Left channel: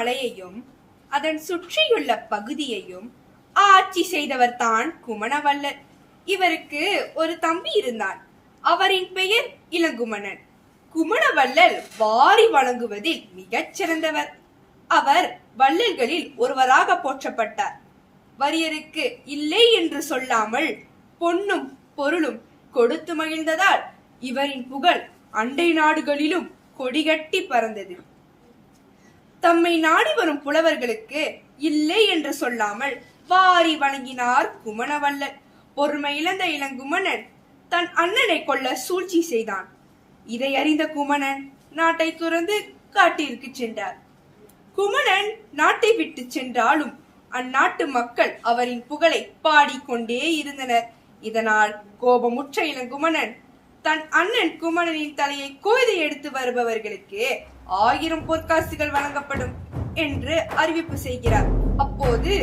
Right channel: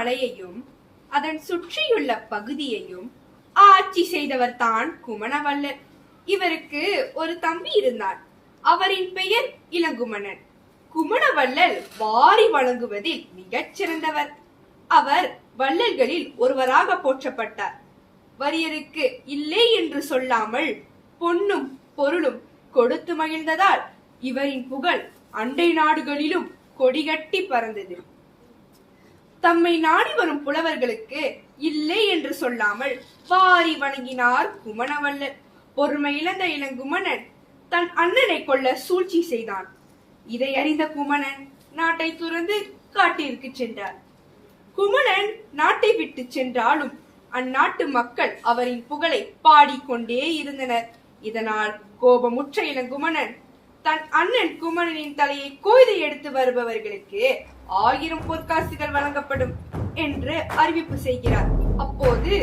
மலையையும் அதன் சுற்றியுள்ள பகுதியையும் ஆட்சி செய்தவர் தான் குமணவள்ளல். இவருக்கு ஒரு தம்பி இருந்தார். அவரின் பெயர் இளங்குமணன். குமணவள்ளல் வாரி வழங்குவதில் மிகச் சிறந்தவர். அவர் வள்ளல்களில் ஒருவராக போற்றப்பட்டார். வறியருக்கு இல்லை என்று சொல்லாமல் பொன்னும் பொருளும் கொடுத்து மகிழ்ந்ததால் இவரின் புகழ் அண்டை நாடுகளிலும் கொடிகட்டி பறந்தது. தம்மை நாடி வரும் புலவர்களுக்கு இல்லை என்று சொல்லாமல் வாரி வழங்கினார் குமணவள்ளல். பொறுமை இழந்த இளங்குமணன் தன் அண்ணனை கொல்ல சூழ்ச்சி செய்தான். இதை அறிந்த குமணன் நாட்டை துறந்து காட்டிற்கு சென்றார். குமணன் நாட்டை விட்டு சென்றாலும் அந்நாட்டு மக்கள் அவரின் புகழை பாடிக்கொண்டே இருந்தனர். இதனால் கோபமுற்ற இளங்குமணன் தன் அண்ணன் குமணனின் தலையை கொய்து எடுத்து வருபவர்களுக்கு 1000 பொற்காசுகள் வழங்கப்படும் என்று அறிவிப்பு செய்கிறார். அப்போது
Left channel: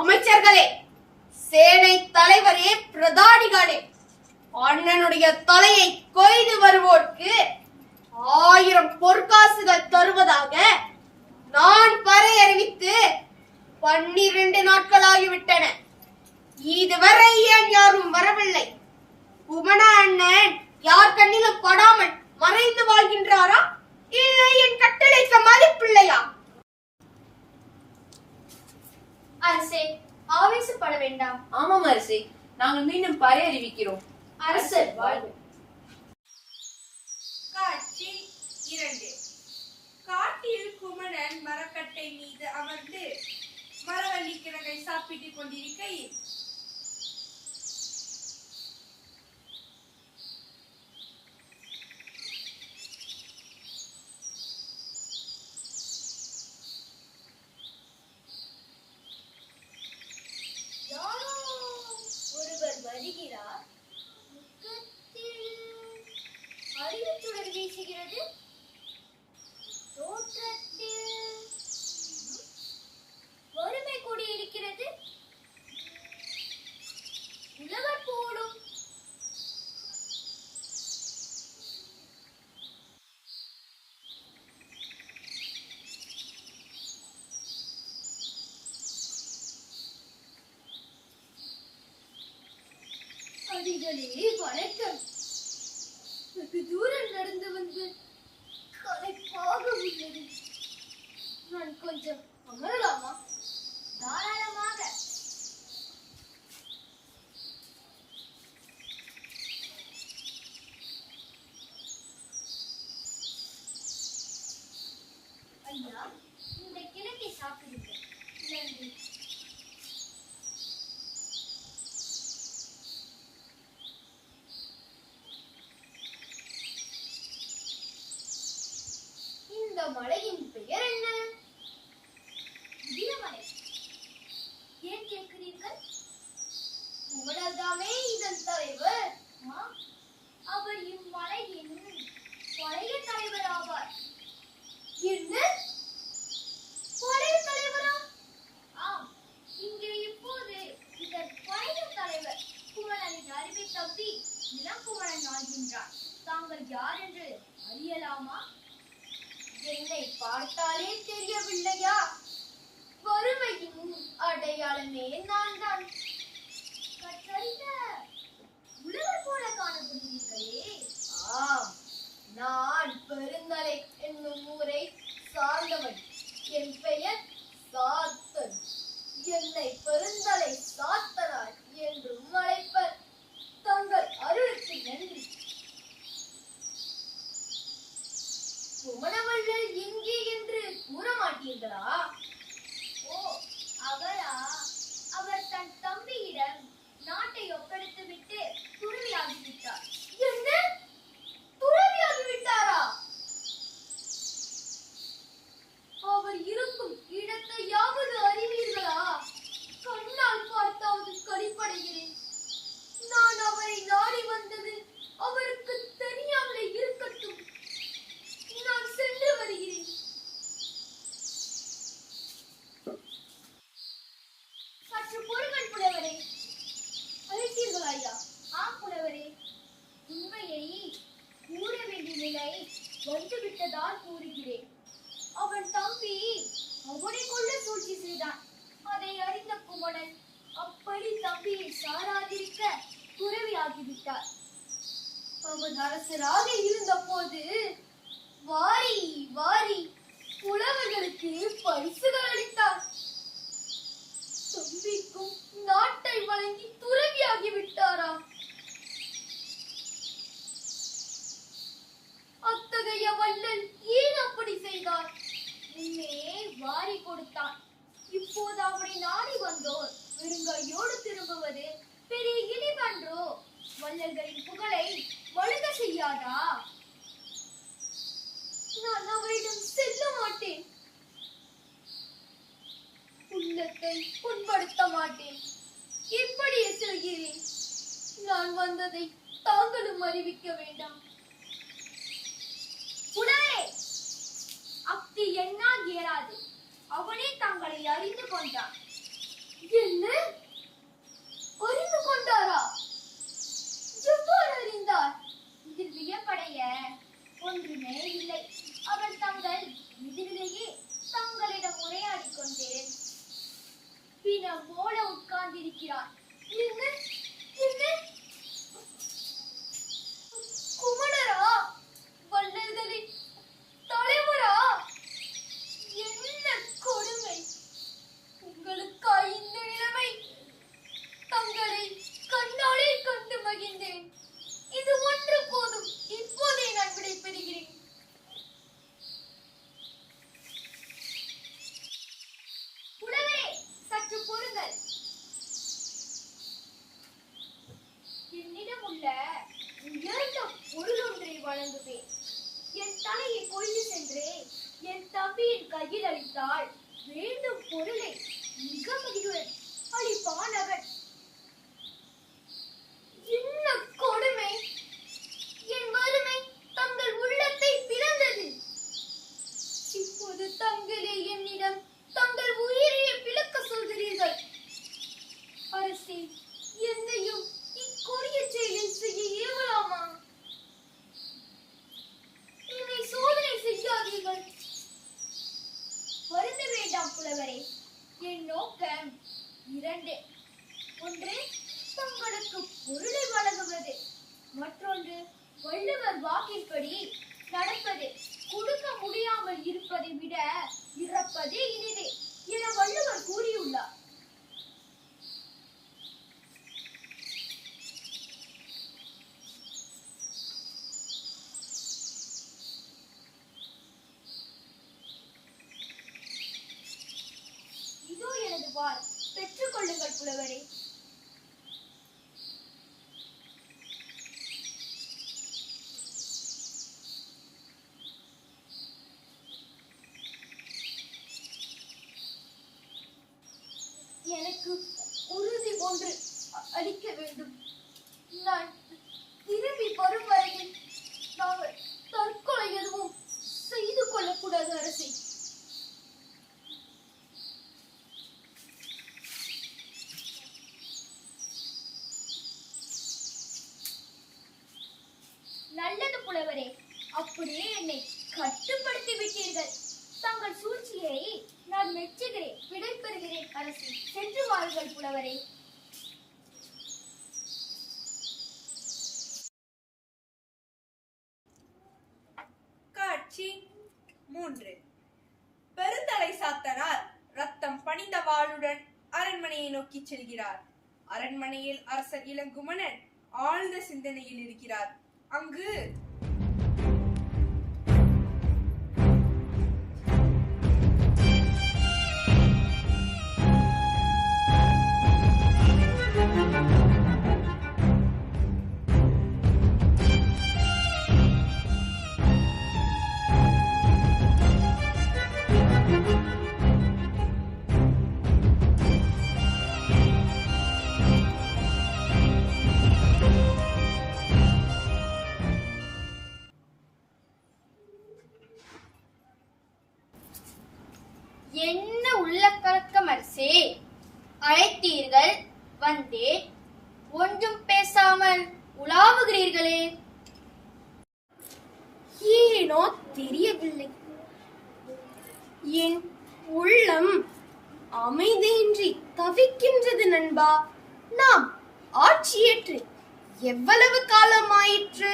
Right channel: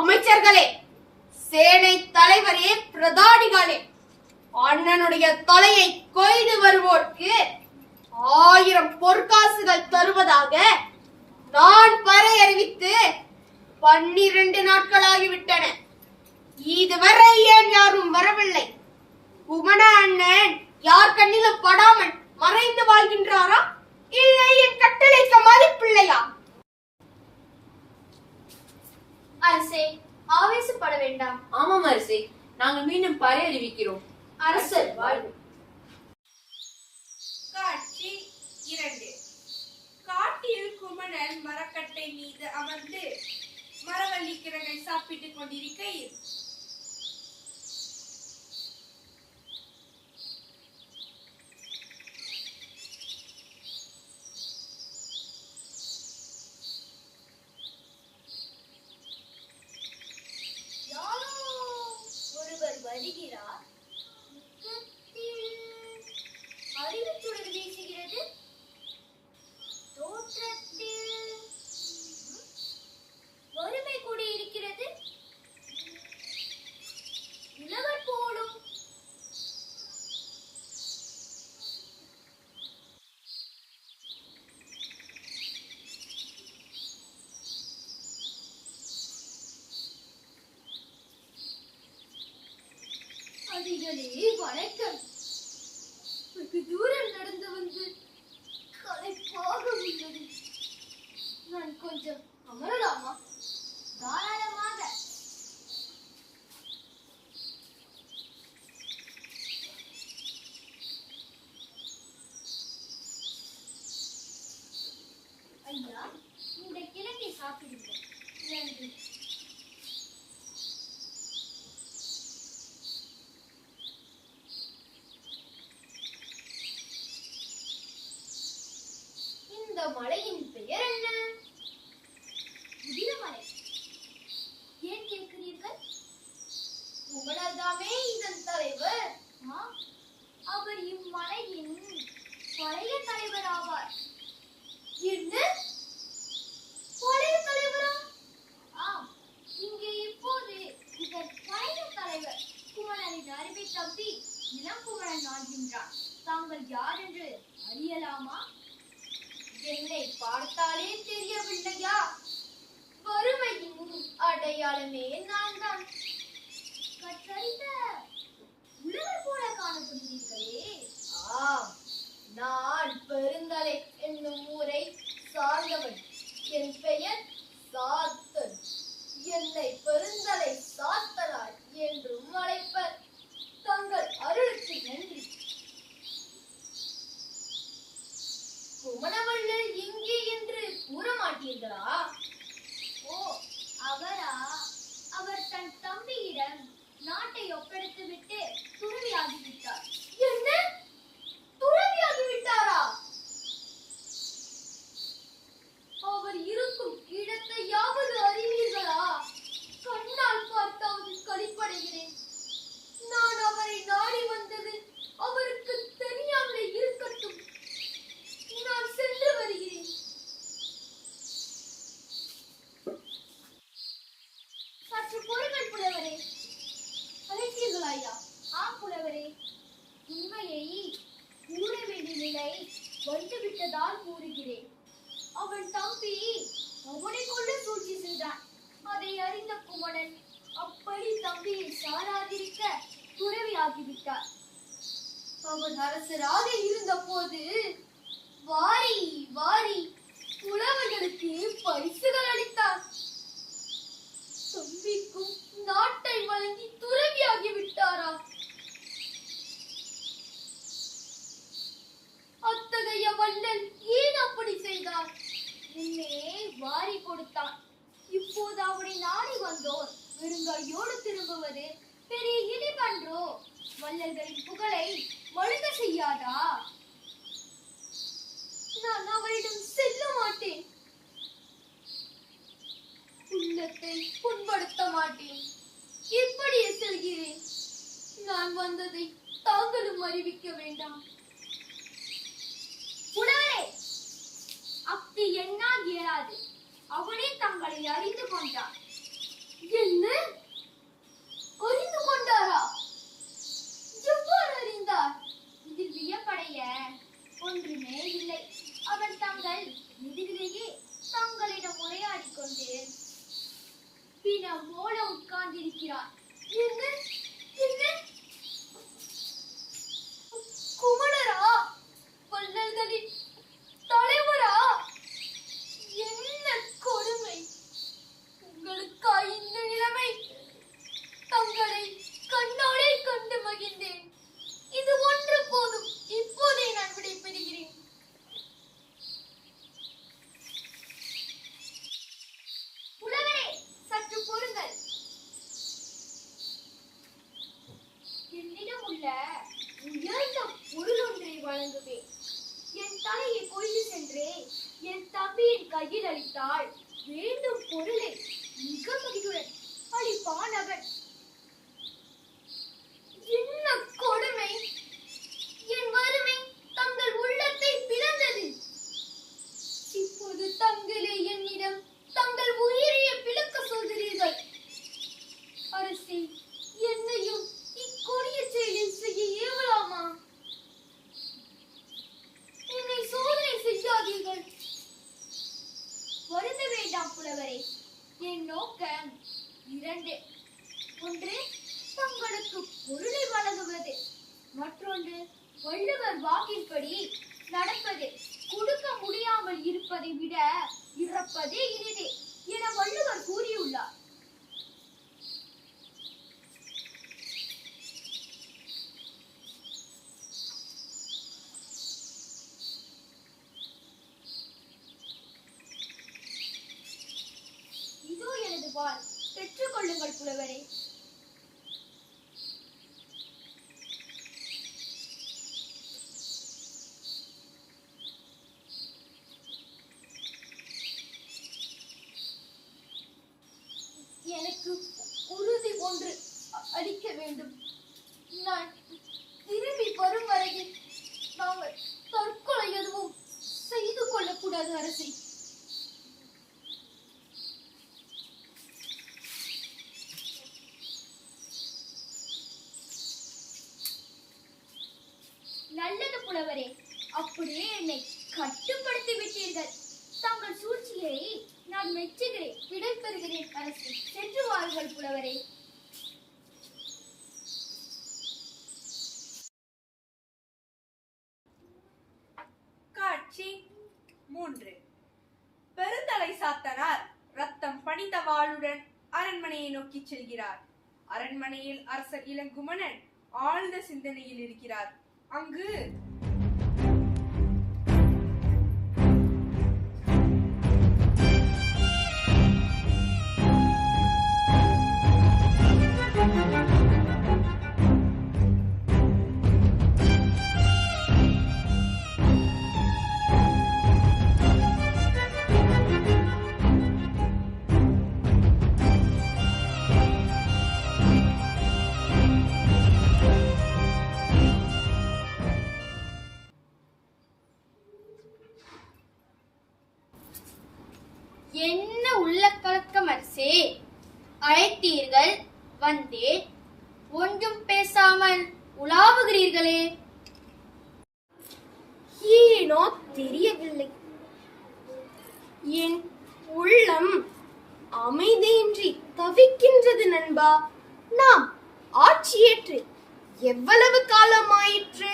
அமைச்சர்களே, சேனை தலைவரே, பிரதானிகளே, அண்ணனுடைய தலையை கொய்து வருவோர்க்கு 1000 பொற்காசுகள் தருவதாக நான் பறை அறிவித்து 12 நாட்களாகிவிட்டன. இதுவரை ஏன் யாரும் வரவில்லை? குமண அண்ணன் யார் கண்ணிலும் படாமல் மறைந்து வாழ்கின்றாரா, இல்லை என் கட்டளைக்கு மதிப்பில்லையா? அரசே, ஆவேசப்பட வேண்டாம். ஆமாம் அரசே, நாங்கள் மீண்டும் பறை அறிவிக்கிறோம். அரசர் வாழ்வு. காட்சி 2. காட்டில் குமணன் மரக்கட்டை மீது அமர்ந்து மரவள்ளி கிழங்கை சாப்பிட்டுக் கொண்டிருக்கையில் வருகிறார். அறிவுச்சுடர் வீசுகிறது. தோற்றத்தில் வறுமை கூடி இருக்கிறது. உழவர் போலும். அதிகளே வணக்கம். வெகு தூரம் நடந்து வந்து களைப்பாக உள்ளது. நான் கொஞ்சம் அமரலாமா? தாராளமாக. ஐயா, இந்த கிழங்கை சாப்பிடுங்கள். நன்றி. மலையின் பெயர் என்ன? வீரமலை. ஏன் கேட்கிறீர்கள்? உங்களதாமே இதன் தலைவர். அவர் இம்மலையின் பழைய தலைவர் ஆவார். என்ன? பழைய தலைவரா? ஆம், இங்கே இப்போது இதன் பழைய தலைவர் குமணனின் அறிவை தப்பி இளங்குமணன் ஆகின்றார். தாங்கள் யார் என்று அறியலாமா? என்னை பார்த்தாலே தெரியவில்லையா? வறுமையின் அடையாளமே நான் தான். கற்றறிந்த உழவர் போல காணப்படுகிறீர்களே. ஆம், நான் பெருந்தலை என்னும் ஊரை சார்ந்தவன். என் பெயர் சாத்தன். என்னை பெருந்தலை சாத்தனார் என்றும் அழைப்பர். தங்கள் அருளுக்கு நன்றி. குமணவள்ளல் எங்கே என்று கூற மாட்டீர்களா? ஓ, அவரா? அவர் தன் தம்பியிடம் நாட்டை கூறுகிறாயா? ஆம் புலவரே, உண்மையை கூற வேண்டிய நிலை வந்துவிட்டதால் கூறுகிறேன். அவன் தம்பி அவனை கொள்ள சூழ்ச்சி செய்தான். அதை அறிந்த குமணன் அப்படி தம்பியை சாராதிருக்க துறவியாகிவிட்டார். அவன் அரசராக இருந்த போது வாரி வாரி புலவர்களுக்கு பரிசுகள் அளித்தார். தம்பிக்கும் நாட்டை வழங்கி துறவியாகி விட்டாரா? அத்தகைய வள்ளல் ஏன் அப்படி செய்தார்? முன்னே வாரி கொடுத்தான். இப்போது அவனை நாடி வந்தோர் வெறுங்கையோடு திரும்புவது பெரிய இழிவன்றோ? வள்ளல்களின் புகழை வழுக செய்யாதா? நான் அவரிடம் செல்ல மாட்டேன். உள்ளத்தை புண்படுத்த மாட்டேன். இப்படியே செல்கிறேன். நான் வந்ததை தாங்களும் அறிவிக்க வேண்டாம். புலவரே, அப்படி என்னால் இயலாது. அவனே தங்களை அறிந்து கொண்டான். என்ன? அறிந்து கொண்டாரா? எவ்வாறு அறிந்தார்? இதில் வியப்படைய ஒன்றுமே இல்லை. அவர் தங்கள் எதிரிலேயே தங்களிடம் உரையாடி கொண்டேன் பின்னர் போல உட்கார்ந்திருக்கிறார். என்ன? என்ன? குமணரா? வள்ளல்களின் தலைவரா? என்ன கொடுமை! உங்களுக்கா இந்த நிலைமை? தங்களை கண்ணாலே கண்டு மகிழ்ந்தேன். இது ஒன்று போதும். இப்போதே நான் விடைபெறுகிறேன். புலவரே, சற்று பொறுங்கள். என்னிடம் உள்ள உயர்ந்த பொருள் ஒன்றை வழங்குவேன். என் தலையை கொண்டு சென்று என் தம்பியின் கையில் அளித்தால் வேண்டும் பொருளை மிக மகிழ்வுடன் அளிப்பான் அவன். என்ன கொடுமை! என் வறுமை தங்கள் உள்ளத்தை பிளந்தது. இப்போது தங்களே என்னிடம் தங்கள் உயிரையே பிளக்க சொல்கிறீர்கள். அரசே, என்னையும் இக்கொடிய செயலை செய்ய இயலாமா? என்னை சோதனை செய்யாதீர்கள். வருந்த வேண்டாம் புலவரே. என் நோக்கம் இரண்டு. ஒன்று, தங்களுக்கு பொருளை வழங்குவது. மற்றொன்று, வள்ளுவர் வாக்கின்படி நடப்பது. கொடுக்க முடியாமல் இருப்பதை விட இறப்பதே இனிது என வள்ளுவர் கூறியுள்ளார். இதோ எனது வாள். பெற்றுக் கொள்ளுங்கள் புலவரே. எனக்கு உறுதி ஒன்று அளிக்க வேண்டும். நான் திரும்பி வரும் வரையில் நாங்கள் தற்கொலை எதுவும் செய்து கொள்ளக்கூடாது அரசே. நல்லது புலவரே, அப்படியே என்னை கட்டுப்படுத்தி விட்டீர்கள். தங்கள் சூழ்ச்சியை நான் மெச்சுகிறேன். விடைபெறுகிறேன் அரசே. சென்று வாருங்கள் புலவரே. காட்சி 3. பெருந்தலை சாத்தனார் ரத்தம் பணிந்த வாளுடன் அரண்மனையை நோக்கி செல்கிறார். அரண்மனையில் அரசர் இளங்குமணன் ஆழ்ந்த சிந்தனையில் இருக்கிறார். அங்கு என்ன உள்ள கலக்கம் அரசே! அழைத்தீர்கள், வந்தேன். ஒன்றும் பேச நீங்கள் உலாவுகிறீர்களே? ஏனோ தெரியவில்லை. என் உள்ளம் அமைதியின்றி தவிக்கின்றது நண்பா. நாம் ஆட்சியேற்று எவ்வளவு காலம் ஆயிற்று?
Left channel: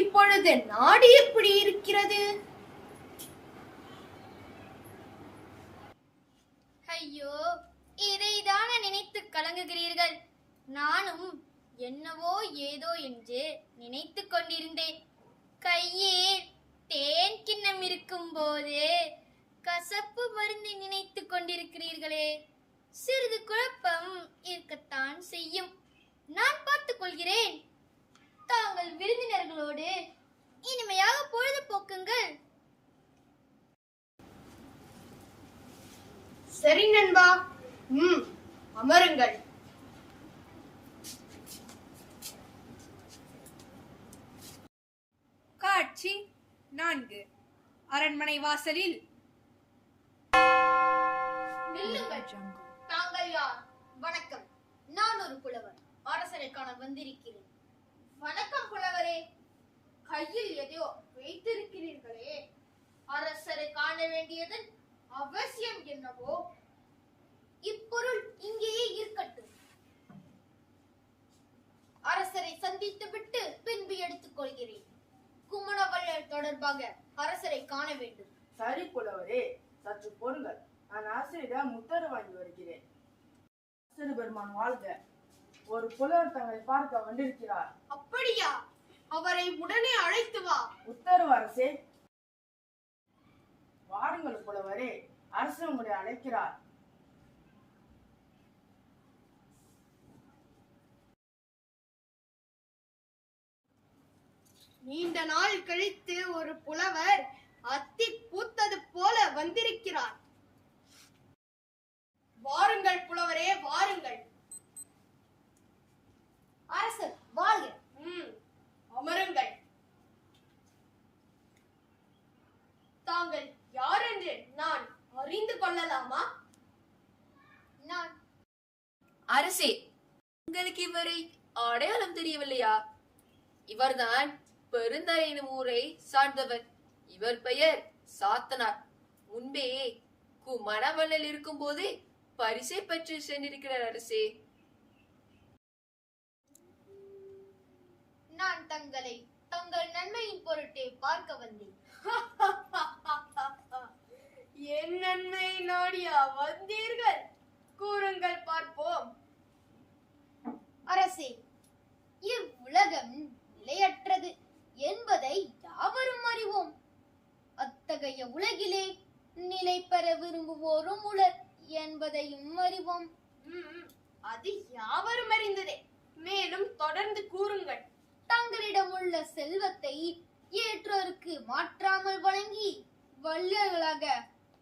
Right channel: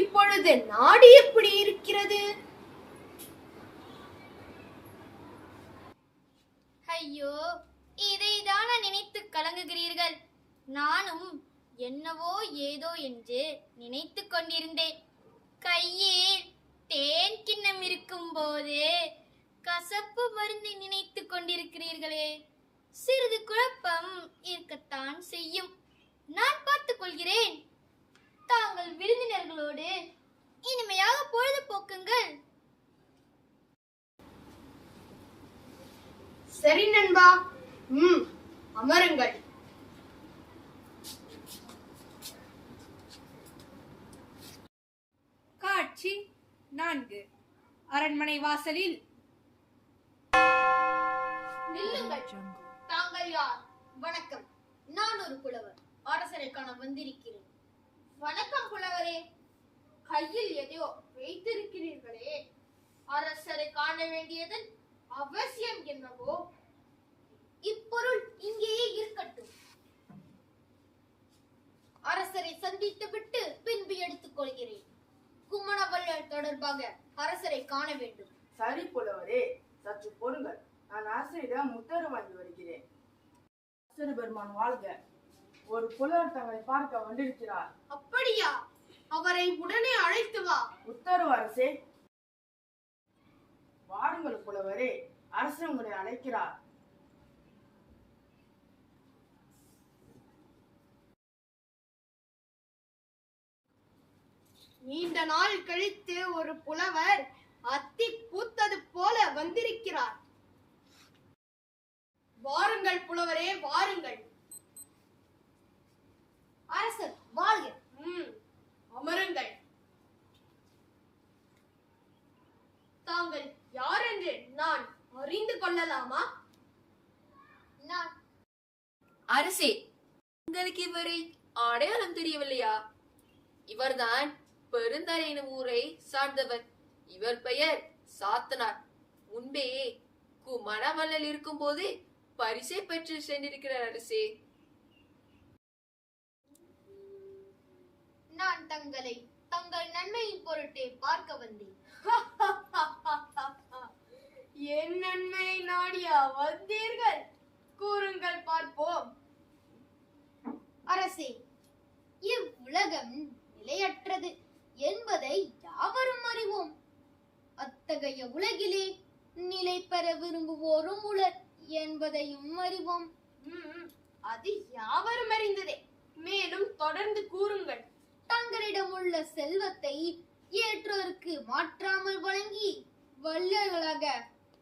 இப்பொழுது நாடு எப்படி இருக்கிறது? ஐயோ, இதைதான நினைத்து கலங்குகிறீர்கள்? நானும் என்னவோ ஏதோ என்று நினைத்து கொண்டிருந்தேன். கையில் தேன் கிண்ணம் இருக்கும் போது கசப்பு மருந்தை நினைத்து கொண்டிருக்கிறீர்களே. சிறிது குழப்பம் இருக்கத்தான் செய்யும். நான் பார்த்துக் கொள்கிறேன். தாங்கள் விருந்தினர்களோடு இனிமையாக பொழுது போக்குங்கள். சரி நண்பா. அமருங்கள். காட்சி 4. அரண்மனை வாசலில். நில்லுங்கள். தாங்கள் யார்? வணக்கம். நான் ஒரு புலவர். அரசரை காண வந்திருக்கிறேன். வணக்கம் புலவரே. கையில் எதையோ வைத்திருக்கிறீர்களே. அரசரை காண வேண்டியதன் அவசியம் என்னவோ? இப்பொருள் இங்கேயே இருக்கட்டும். அரசரை சந்தித்து விட்டு பின்பு எடுத்துக் கொள்கிறேன். குமணவள்ளல் தொடர்பாக அரசரை காண வேண்டும். சரி புலவரே, சற்று பொறுங்கள். நான் அரசரிடம் உத்தரவு வாங்கி வருகிறேன். அரசர் பெருமான் வாழ்க. ஒரு புலவர் தங்களை பார்க்க வந்திருக்கிறார். அப்படியா? அவரை உடனே அழைத்து வா. உத்தரவு அரசே. வாருங்கள் புலவரே, அரசர் உங்களை அழைக்கிறார். நீண்ட நாள் கழித்து ஒரு புலவர் அத்தி பூத்தது போல வந்திருக்கிறார். வாருங்கள் புலவரே, வாருங்கள். அரசர் வாழ்க. அமருங்கள். தாங்கள் யார் என்று நான் அறிந்து கொள்ளலாமா? நான் அரசே, உங்களுக்கு இவரை அடையாளம் தெரியவில்லையா? இவர்தான் பெருந்தரை எனும் ஊரை சார்ந்தவர். இவர் பெயர் சாத்தனார். முன்பே குமணவள்ளல் இருக்கும் போது பரிசை பெற்று சென்றிருக்கிறார் அரசே. நான் தங்களை தங்கள் நன்மையின் பொருட்டே பார்க்க வந்தேன். என் நன்மை நாடியா வந்தீர்கள்? கூறுங்கள் பார்ப்போம். அரசே, இவ்வுலகம் நிலையற்றது என்பதை யாவரும் அறிவோம். அத்தகைய உலகிலே நிலை பெற விரும்புவோரும் உளர் என்பதையும் அறிவோம். அது யாவரும் அறிந்ததே. மேலும் தொடர்ந்து கூறுங்கள். தங்களிடம் உள்ள செல்வத்தை ஏற்றோருக்கு மாற்றாமல் வழங்கி வள்ளல்களாக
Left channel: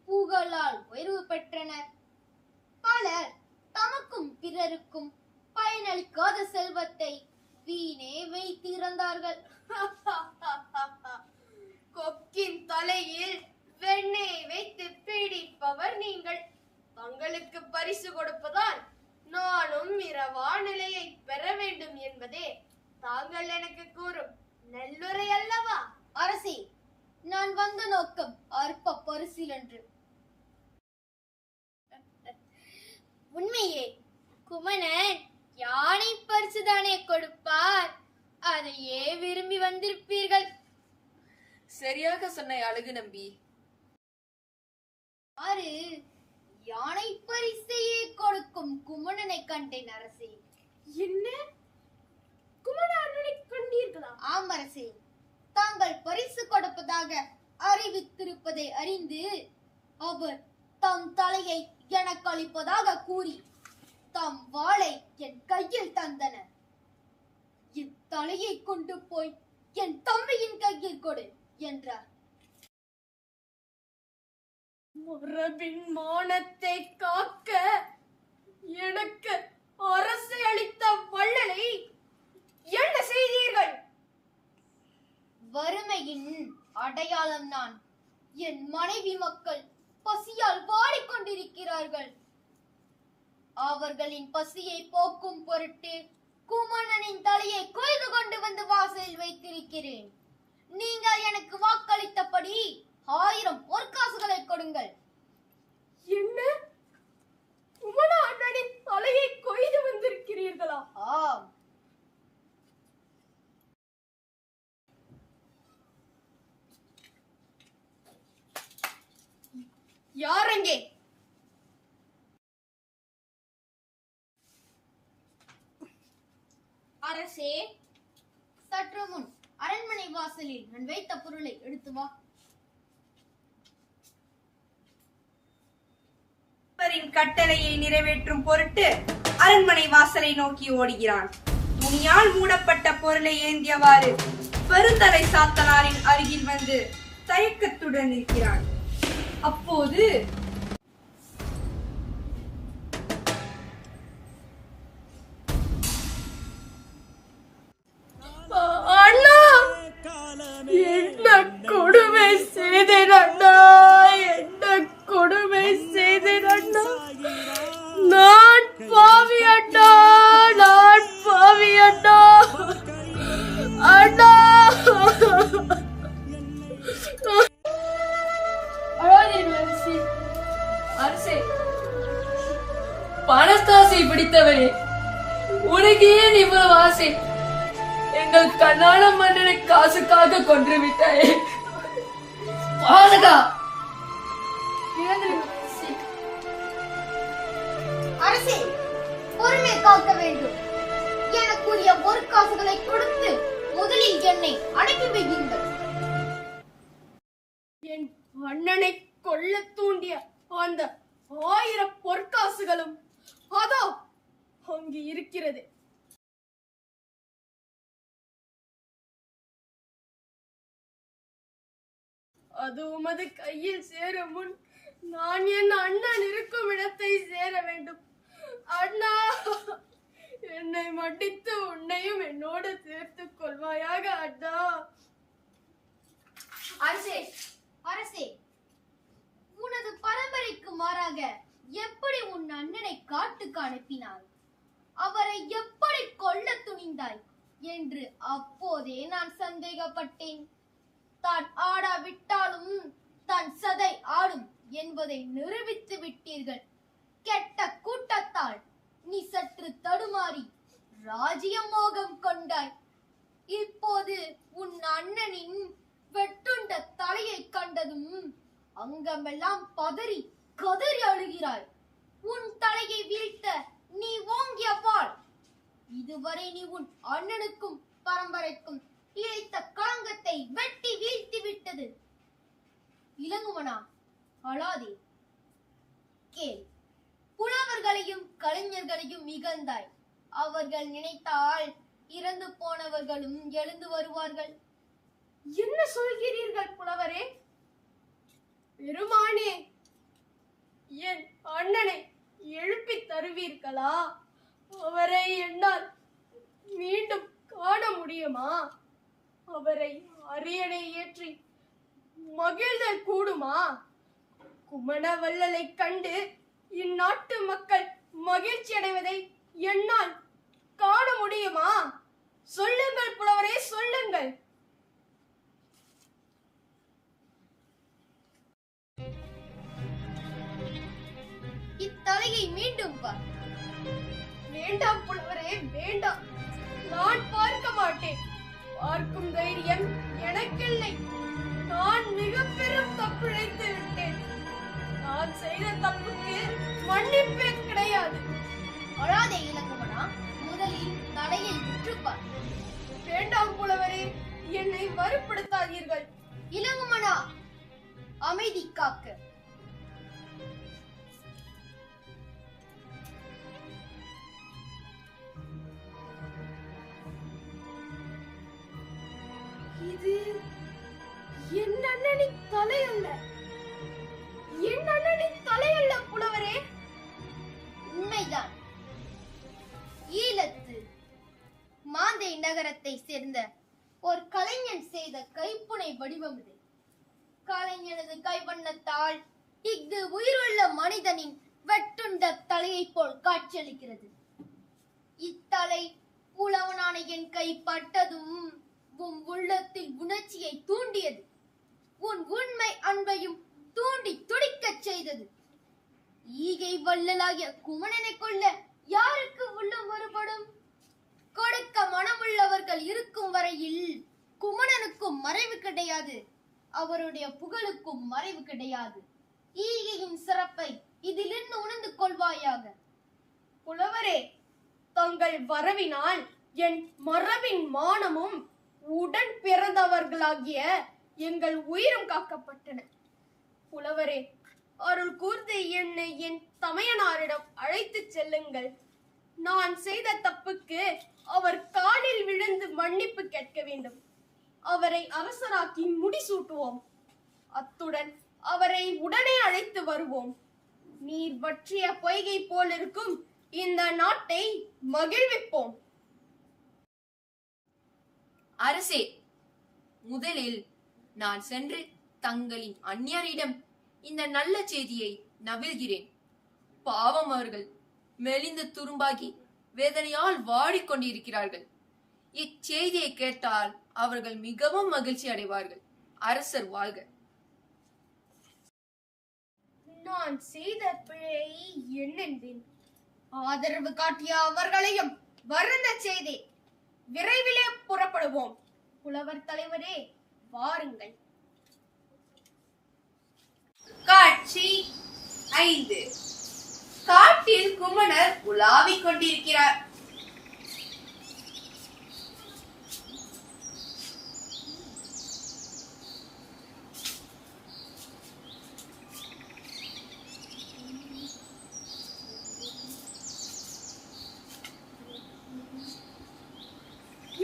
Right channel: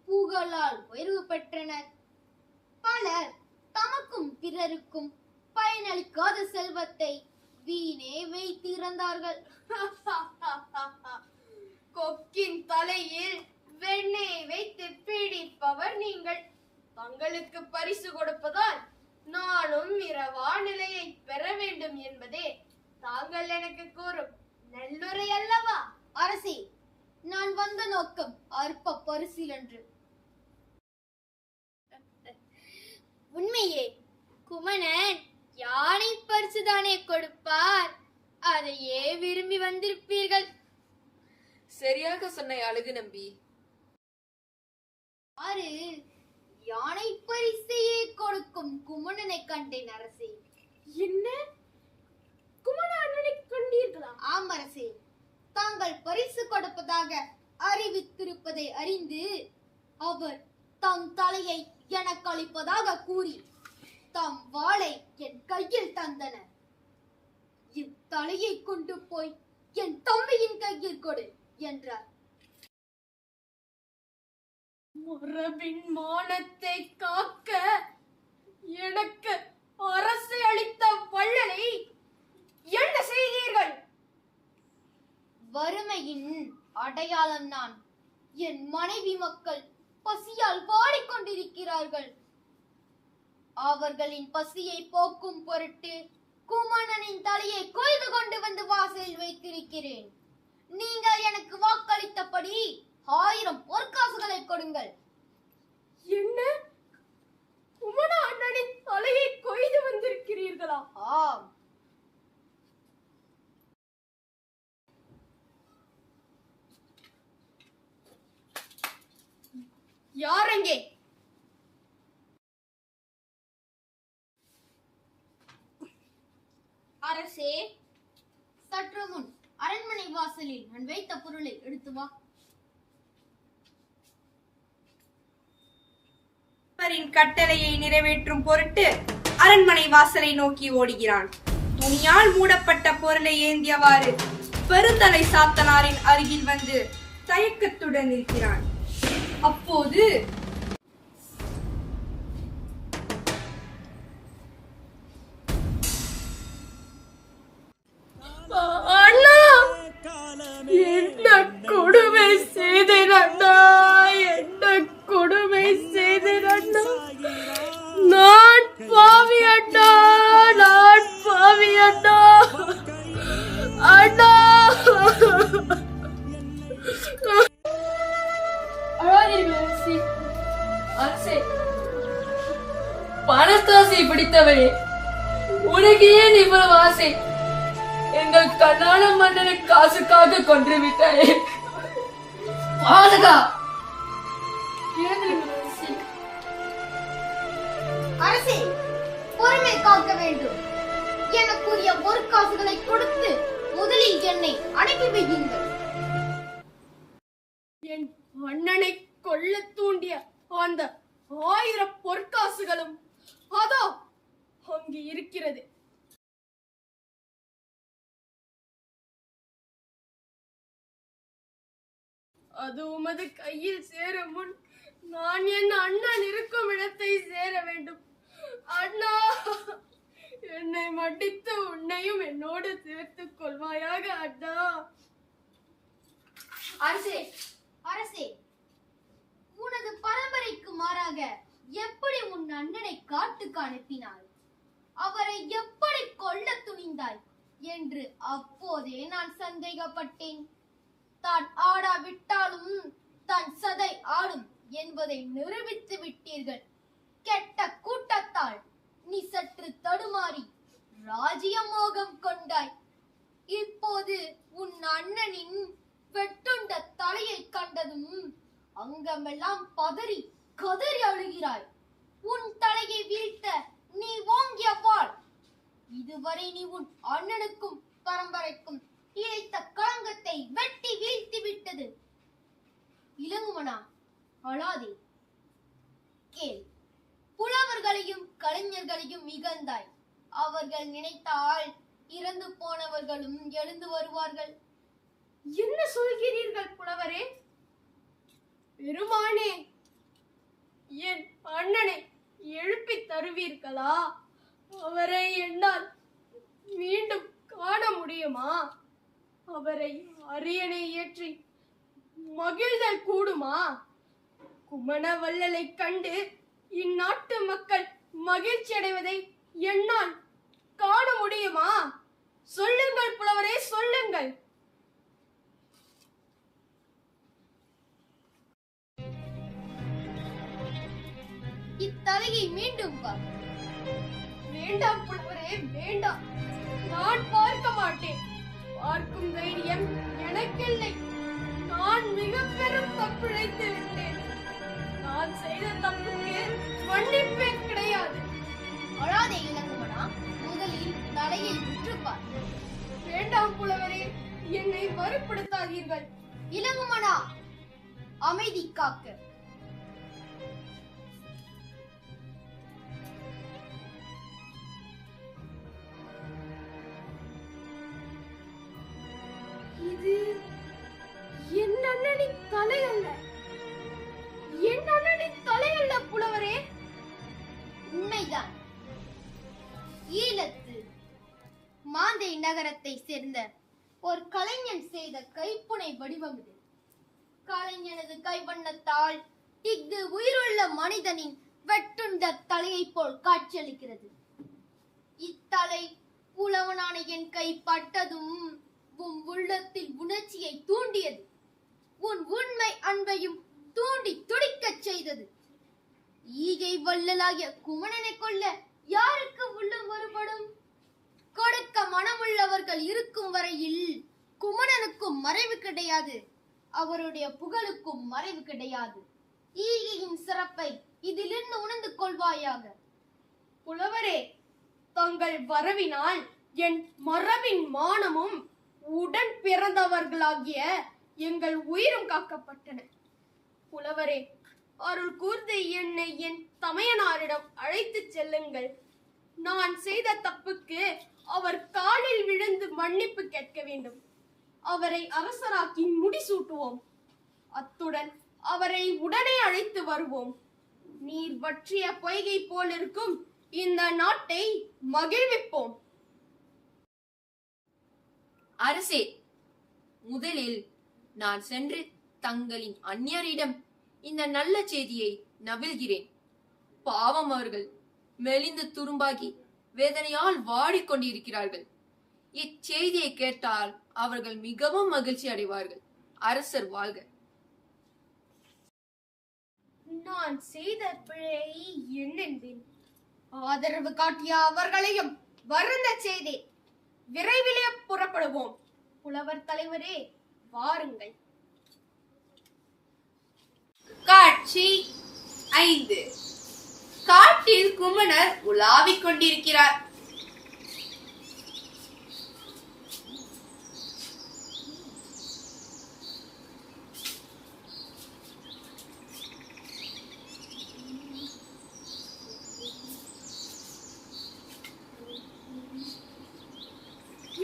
புகழால் உயர்வு பெற்றனர். பலர் தமக்கும் பிறருக்கும் பயனளிக்காத செல்வத்தை வீணே வைத்திருந்தார்கள். கொக்கின் தலையில் வெண்ணெய் வைத்து பீடிப்பவர் நீங்கள். தங்களுக்கு பரிசு கொடுப்பதால் நானும் இரவா நிலையை பெற வேண்டும் என்பதே தாங்கள் எனக்கு கூறும் நல்லுரை அல்லவா? அரசே, நான் வந்த நோக்கம் அற்ப பரிசில் என்று. உண்மையே குமணன் யானை பரிசுதானே கொடுப்பார். அதையே விரும்பி வந்திருப்பீர்கள். சரியாக சொன்ன அழகு நம்பி. ஆறு யானை பரிசையே கொடுக்கும் குமணனை கண்டேன் அரசே. என்ன? குமணனை கண்டீர்களா? ஆம் அரசே, தாங்கள் பரிசு கொடுப்பதாக அறிவித்திருப்பதை அறிந்து அவர் தம் தலையை எனக்கு அளிப்பதாக கூறி தம் வாளை என் கையில் தந்தனர். என் தலையை கொண்டு போய் என் தம்பியின் கையில் கொடு என்றார். மரபின் மானத்தை காக்க எனக்கு அரசு அளித்த வள்ளலை என்ன செய்தீர்கள்? வறுமையின் அடையாளம் நான். என் மனைவி மக்கள் பசியால் வாடிக்கொண்டிருக்கிறார்கள். அவர்களின் பசியை போக்கும் பொருட்டு குமணனின் தலையை கொய்து வாசலில் வைத்திருக்கிறேன். நீங்கள் எனக்கு வாக்களித்தபடி 1000 பொற்காசுகளை கொடுங்கள். என்ன, குமணா அண்ணனின் தலையை கொய்து வந்திருக்கிறீர்களா? ஆம். யாரெங்கே? அரசே, சற்று முன் அரண்மனை வாசலில் நான் வைத்த பொருளை எடுத்து வா. அவரின் கட்டளையை நிறைவேற்றும் பொருட்டு அரண்மனை வாசலை நோக்கி ஓடுகிறான். துணியால் மூடப்பட்ட பொருளை ஏந்தியவாறு பெருந்தலை சாத்தனாரின் அருகில் வந்து தயக்கத்துடன் இருக்கிறான். அப்போது அண்ணா, என்ன கொடுமை செய்தேன் அண்ணா, என்ன கொடுமை செய்தேன் அண்ணா. நான் பாவி அண்ணா, நான் பாவி அண்ணா. அண்ணா, அரசே, பணத்தாசை பிடித்தவரே, உனக்கு ஏன் இவ்வளவு ஆசை? எங்கள் கண்ணான மன்னனை காசுக்காக கொன்று விட்டாயே. பாதகா! அரசே, பொறுமை காக்க வேண்டும். எனக்குரிய பொற்காசுகளை கொடுத்து முதலில் என்னை அனுப்பி வையுங்கள். என் அண்ணனை கொல்ல தூண்டிய அந்த 1000 பொற்காசுகளும் அதோ அங்கு இருக்கிறது. அது உமது கையில் சேரும் முன் நான் என் அண்ணன் இருக்கும் இடத்தை சேர வேண்டும். அண்ணா, என்னை மன்னித்து உன்னையும் என்னோடு சேர்த்துக் கொள்வாயாக அண்ணா. அரசே, அரசே, உனது பரம்பரைக்கு மாறாக எப்படி உன் அண்ணனை காட்டுக்கு அனுப்பினாய்? அவரை எப்படி கொல்ல துணிந்தாய் என்று அப்போதே நான் சந்தேகப்பட்டேன். தான் ஆடாவிட்டாலும் தன் சதை ஆடும் என்பதை நிரூபித்து விட்டீர்கள். கெட்ட கூட்டத்தால் நீ சற்று தடுமாறி ராஜ்ய மோகம் கொண்டாய். இப்போது உன் அண்ணனின் வெட்டுண்ட தலையை கண்டதும் அங்கமெல்லாம் பதறி கதறி அழுகிறாய். உன் தலையை வீழ்த்த நீ ஓங்கிய வாள் இதுவரை நீ உன் அண்ணனுக்கும் பரம்பரைக்கும் இழைத்த களங்கத்தை வெட்டி வீழ்த்தி விட்டது. இளங்குமனா, அழாதே. கேள், புலவர்களையும் கலைஞர்களையும் இகழ்ந்தாய். அவர்கள் நினைத்தால் இறந்து போனவர்களும் எழுந்து வருவார்கள். என்ன சொல்கிறீர்கள் புலவரே? பெருமானே, என் அண்ணனை எழுப்பி தருவீர்களா? அவரை என்னால் மீண்டும் காண முடியுமா? அவரை அரியணை ஏற்றி மகிழ்தல் கூடுமா? குமணவள்ளலை கண்டு இந்நாட்டு மக்கள் மகிழ்ச்சி அடைவதை என்னால் காண முடியுமா? சொல்லுங்கள் புலவரே, சொல்லுங்கள். இத்தலையை மீண்டும் பார். வேண்டாம் புலவரே, வேண்டாம். நான் பார்க்க மாட்டேன். பார்க்கும் தைரியம் எனக்கில்லை. நான் மிக பெரும் தப்பிழைத்து விட்டேன். நான் செய்த தப்புக்கு மன்னிப்பே கிடையாது. அழாதே இளங்குமனா, முதலில் தலையை விற்றுப்பார். வேண்டாம் புலவரே, என்னை வறுப்படுத்தாதீர்கள். இளங்குமனா, அமைதி காக்க. இது என் அண்ணனின் தலை அல்ல. என் அண்ணனின் தலை அல்ல புலவரே. உண்மைதான். ஈழத்து மாந்தை நகரத்தை சேர்ந்த ஒரு கலைஞன் செய்த கைப்புனை வடிவம் இது. கலைஞனது கைவண்ணத்தால் இஃது உயிருள்ள மனிதனின் வெட்டுண்ட தலையை போல் காட்சியளிக்கிறது. இத்தலை புலவனான என் கை பட்டதும் உன் உள்ளத்தில் உணர்ச்சியை தூண்டியது. உன் உண்மை அன்பையும் தூண்டி துடிக்கச் செய்தது. ஈகை வள்ளலாகிய குமணனை கொல்ல யாருக்கு உள்ளம் வருபடும்? கொடுக்க மனமுள்ளவர்கள் இருக்கும் வரையில் குமணனுக்கும் மறைவு கிடையாது, அவருடைய புகழுக்கும் மறைவு கிடையாது. ஈகையின் சிறப்பை இதிலிருந்து உணர்ந்து கொள்வாயாக. புலவரே, தங்கள் வரவினால் என் மரபின் மானமும் உடன் பிறந்தவர்களாகிய எங்கள் உயிரும் காக்கப்பட்டன. புலவரே, அருள் கூர்ந்து என்னை என் தமையனாரிடம் அழைத்துச் செல்லுங்கள். நான் செய்த தப்புக்கு அவர் காலில் விழுந்து மன்னிப்பு கேட்க வேண்டும். அவரை அரசராக்கி முடிசூட்டுவோம். அத்துடன் அவரை உடனே அழைத்து வருவோம். நீர் வற்றிய பொய்கை போலிருக்கும் இந்த நாட்டை மகிழ்விப்போம். அரசே, முதலில் நான் சென்று தங்களின் அந்நியரிடம் இந்த நல்ல செய்தியை நவில்கிறேன். பாவம், அவர்கள் மெலிந்து துரும்பாகி வேதனையால் வாடிக்கொண்டிருக்கிறார்கள். இச்செய்தியை கேட்டால் அவர்கள் மிகவும் மகிழ்ச்சி அடைவார்கள். அரசர் வாழ்க. நான் செய்த பிழையை என்னென்பேன். ஆதரவு காட்டிய அவர்களையும் வருந்த செய்தேன். விரைவிலே புறப்படுவோம். புலவர் தலைவரே, வாருங்கள். காட்சி 5. காட்டில் குமணர் உலாவிக் கொண்டிருக்கிறார்.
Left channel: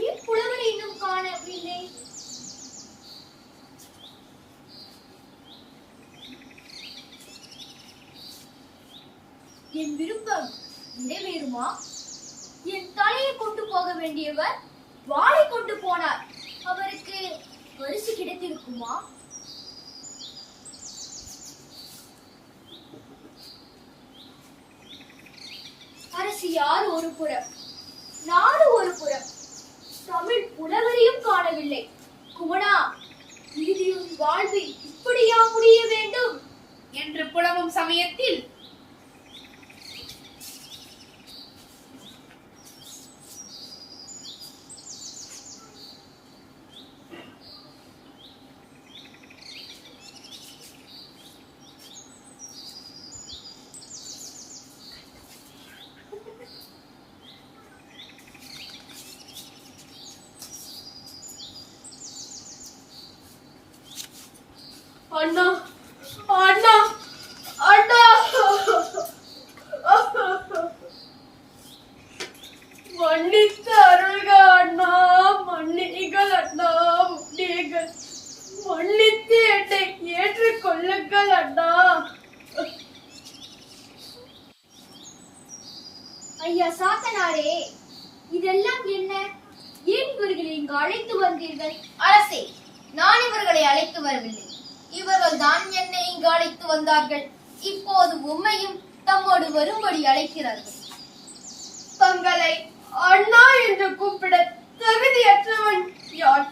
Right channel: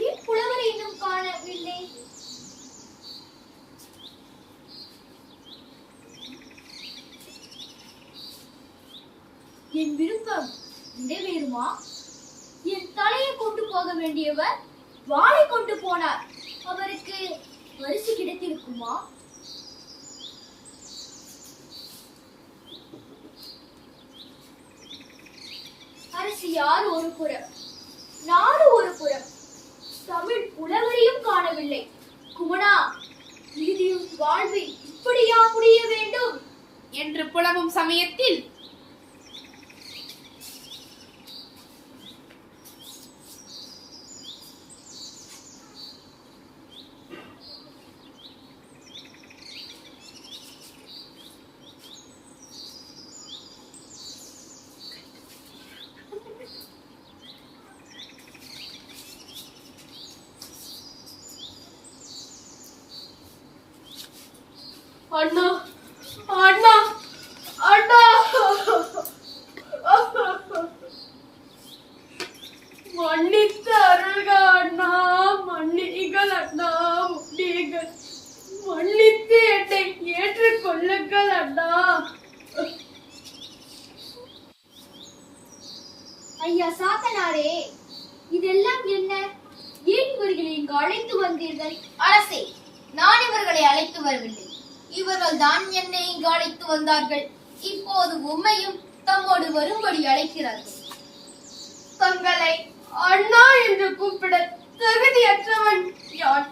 ஏன் புலவரை இன்னும் காணவில்லை? என் விருப்பம் நிறைவேறுமா? என் தலையை கொண்டு போக வேண்டியவர் வாளை கொண்டு போனார். அவருக்கு பரிசு கிடைத்திருக்குமா? அரசியார் ஒரு புறம், நாடு ஒரு புறம், தமிழ் புலவரையும் காணவில்லை. குமணா, இறுதியும் வாழ்வு இப்படியா முடிய வேண்டும் என்று புலவும் சமயத்தில் அண்ணா, அண்ணா, அண்ணா, மன்னித்து அருள்க அண்ணா, மன்னிகள் அண்ணா, மன்னிகள், மன்னித்து என்னை ஏற்றுக்கொள்ளுங்கள் அண்ணா. ஐயா சாத்தனாரே, இதெல்லாம் என்ன? ஏன் இவர்களை இங்கு அழைத்து வந்தீர்கள்? அரசே, நான் இவர்களை அழைத்து வரவில்லை. இவர்கள் தான் என்னை இங்கு அழைத்து வந்தார்கள். இப்போது உம்மையும் தம்மோடு வரும்படி அழைக்கிறார்கள். தங்களை அண்ணா என்று கூப்பிட தகுதியற்றவன் யான்.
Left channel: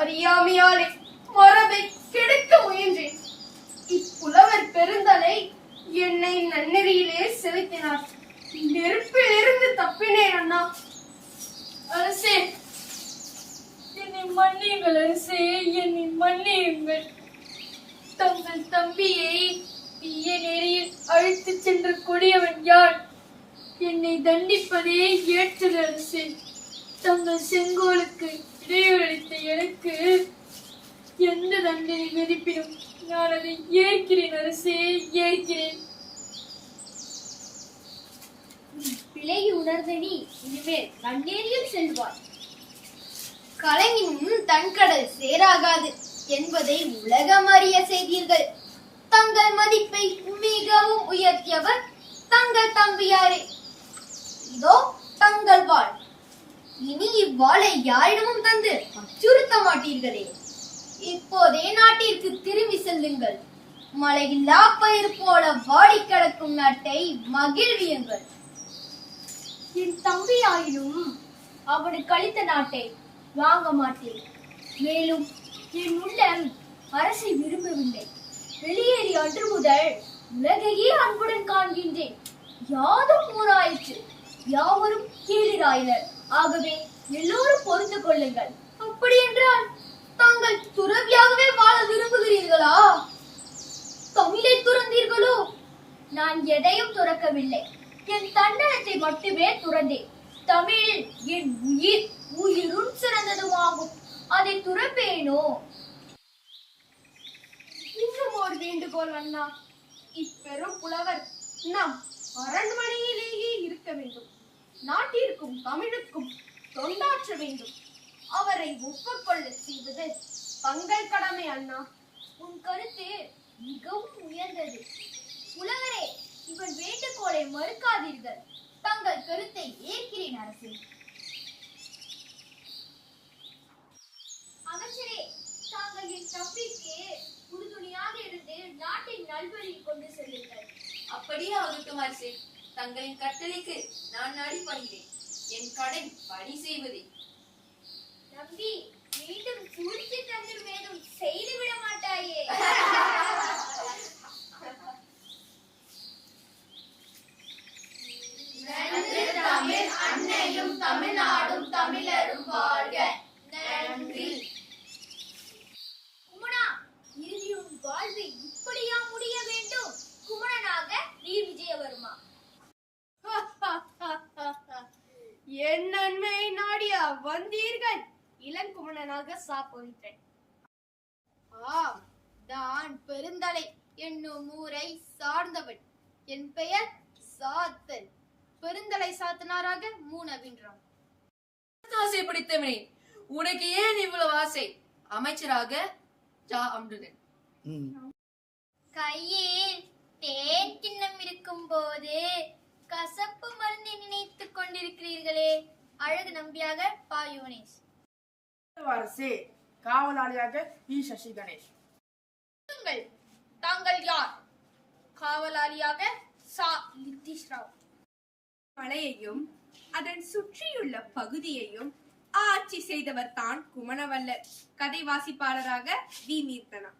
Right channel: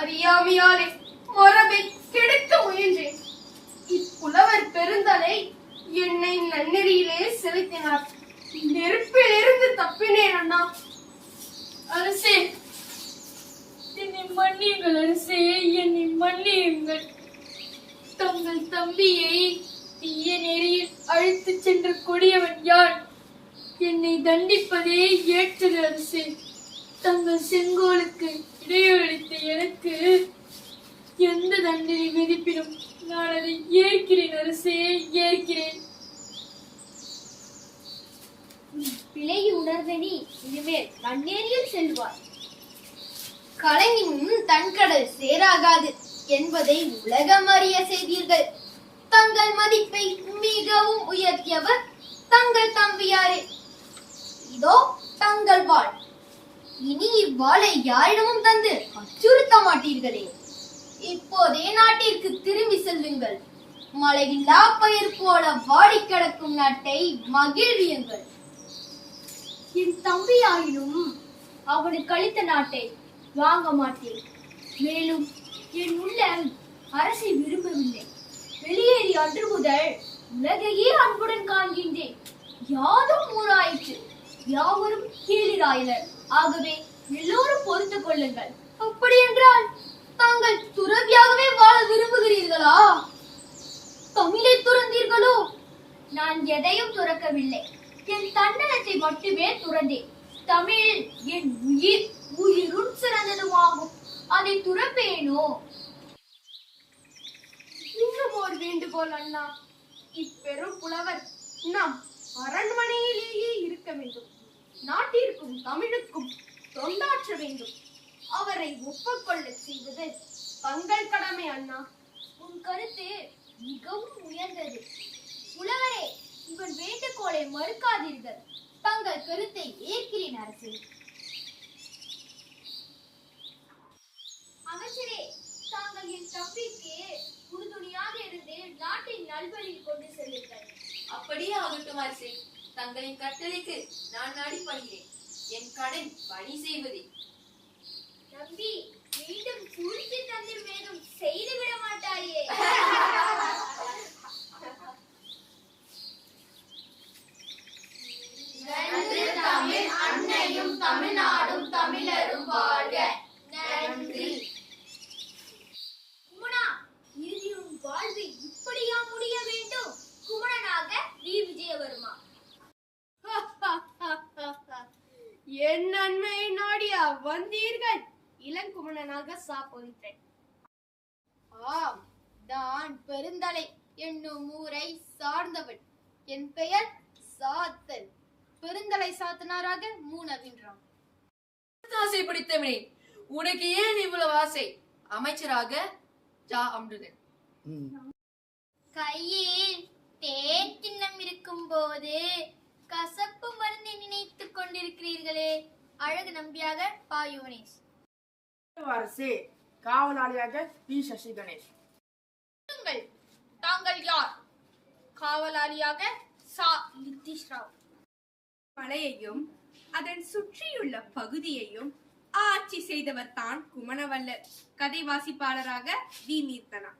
அறியாமையாலே மரபை கெடுக்க முயன்றேன். இப்புலவர் பெருந்தலை என்னை நன்னெறியிலே செலுத்தினார். நெருப்பிலிருந்து தப்பினேன் அண்ணா. அரசே, என்னை மன்னியுங்கள். அரசே, என்னை மன்னியுங்கள். தங்கள் தம்பியை தீய நெறியில் அழைத்துச் சென்ற கொடியவன் யார்? என்னை தண்டிப்பதே ஏற்றது அரசே. தங்கள் செங்கோலுக்கு இடையூறளித்த எனக்கு எந்த தண்டனை விதிப்பினும் நான் அதை ஏற்கிறேன் அரசே, ஏற்கிறேன். பிழையை உணர்ந்த நீ இனிமேல் நன்னேரியில் செல்வாய். கலைஞனும் தன்கடல் சேராகாது என்பதை உலகம் அறிய செய்தீர்கள். தங்கள் மதிப்பை மிகவும் உயர்த்தியவர் தங்கள் தம்பியாரே. இதோ தங்கள் வாழ். இனி இவ்வாளை யாரிடமும் தந்து அச்சுறுத்த மாட்டீர்களே. இப்போதே நாட்டிற்கு திரும்பி செல்லுங்கள். மழையில்லா பயிர் போல வாடி கிடக்கும் நாட்டை மகிழ்வியுங்கள். என் தம்பியாயினும் அவனுக்கு அளித்த நாட்டை வாங்க மாட்டேன். மேலும் என் உள்ளம் அரசை விரும்பவில்லை. வெளியேறிய அன்று முதல் உலகையே அன்புடன் காண்கின்றேன். யாதும் ஊராயிற்று, யாவரும் கேளிராயினர். ஆகவே எல்லோரும் பொறுத்து கொள்ளுங்கள். அப்படி என்றால் தாங்கள் துறவியாகவே வாழ விரும்புகிறீர்களா? தமிழை துறந்தீர்களோ? நான் எதையும் துறக்கவில்லை. என் தன்னலத்தை மட்டுமே துறந்தேன். தமிழ் என் உயிர், உயிருள் சிறந்ததுமாகும். அதை துறப்பேனோ? இன்னும் ஒரு வேண்டுகோள் அண்ணா. இப்பெரும் புலவர் நம் அரண்மனையிலேயே இருக்க வேண்டும். நாட்டிற்கும் தமிழுக்கும் தொண்டாற்ற வேண்டும். அவரை ஒப்புக்கொள்ள செய்வது தங்கள் கடமை அண்ணா. உன் கருத்து மிகவும் உயர்ந்தது. புலவரே, இவன் வேண்டுகோளை மறுக்காதீர்கள். தங்கள் கருத்தை ஏற்கிறேன் அரசே. அமைச்சரே, தாங்கள் என் தம்பிக்கு உறுதுணையாக இருந்து நாட்டின் நல்வழியில் கொண்டு செல்லுங்கள். அப்படியே ஆகட்டும் அரசே. தங்களின் கட்டளைக்கு நான் அடிபணிகிறேன். என் கடன் பணி செய்வதே. நம்பி, மீண்டும் சூழ்ச்சி தந்திர் வேதம் செய்து விட மாட்டாயே. தமிழ் அன்னையும் தமிழ்நாடும் தமிழரும் வாழ்க. நன்றி. குமணா, இறுதியும் வாழ்வு இப்படியா முடிய வேண்டும்? குமணனாக வி. விஜயவர்மா. என் நன்மையை நாடியா வந்தீர்கள்? இளங்குமணனாக சாப்பொழித்தேன். ஆம், நான் பெருந்தலை என்னும் ஊரை சார்ந்தவன். என் பெயர் சாத்தன். பெருந்தலை சாத்தனாராக மூனவின்றான். ஆசை பிடித்தவனே, உனக்கு ஏன் இவ்வளவு ஆசை? அமைச்சராக ஜா அம்ருதன். கையில் தேன் கிண்ணம் இருக்கும் போது கசப்பு மருந்தை நினைத்துக் கொண்டிருக்கிறீர்களே. அழகு நம்பியாக பா. யுவனேஷ். அரசே, காவலாளியாக பி. சசி கணேஷ். தாங்கள் யார்? காவலாளியாக சா. நிதிஷ் ராவ். மலையையும் அதன் சுற்றியுள்ள பகுதியையும் ஆட்சி செய்தவர் தான் குமணவல்லர். கதை வாசிப்பாளராக வி. மீர்த்தனா.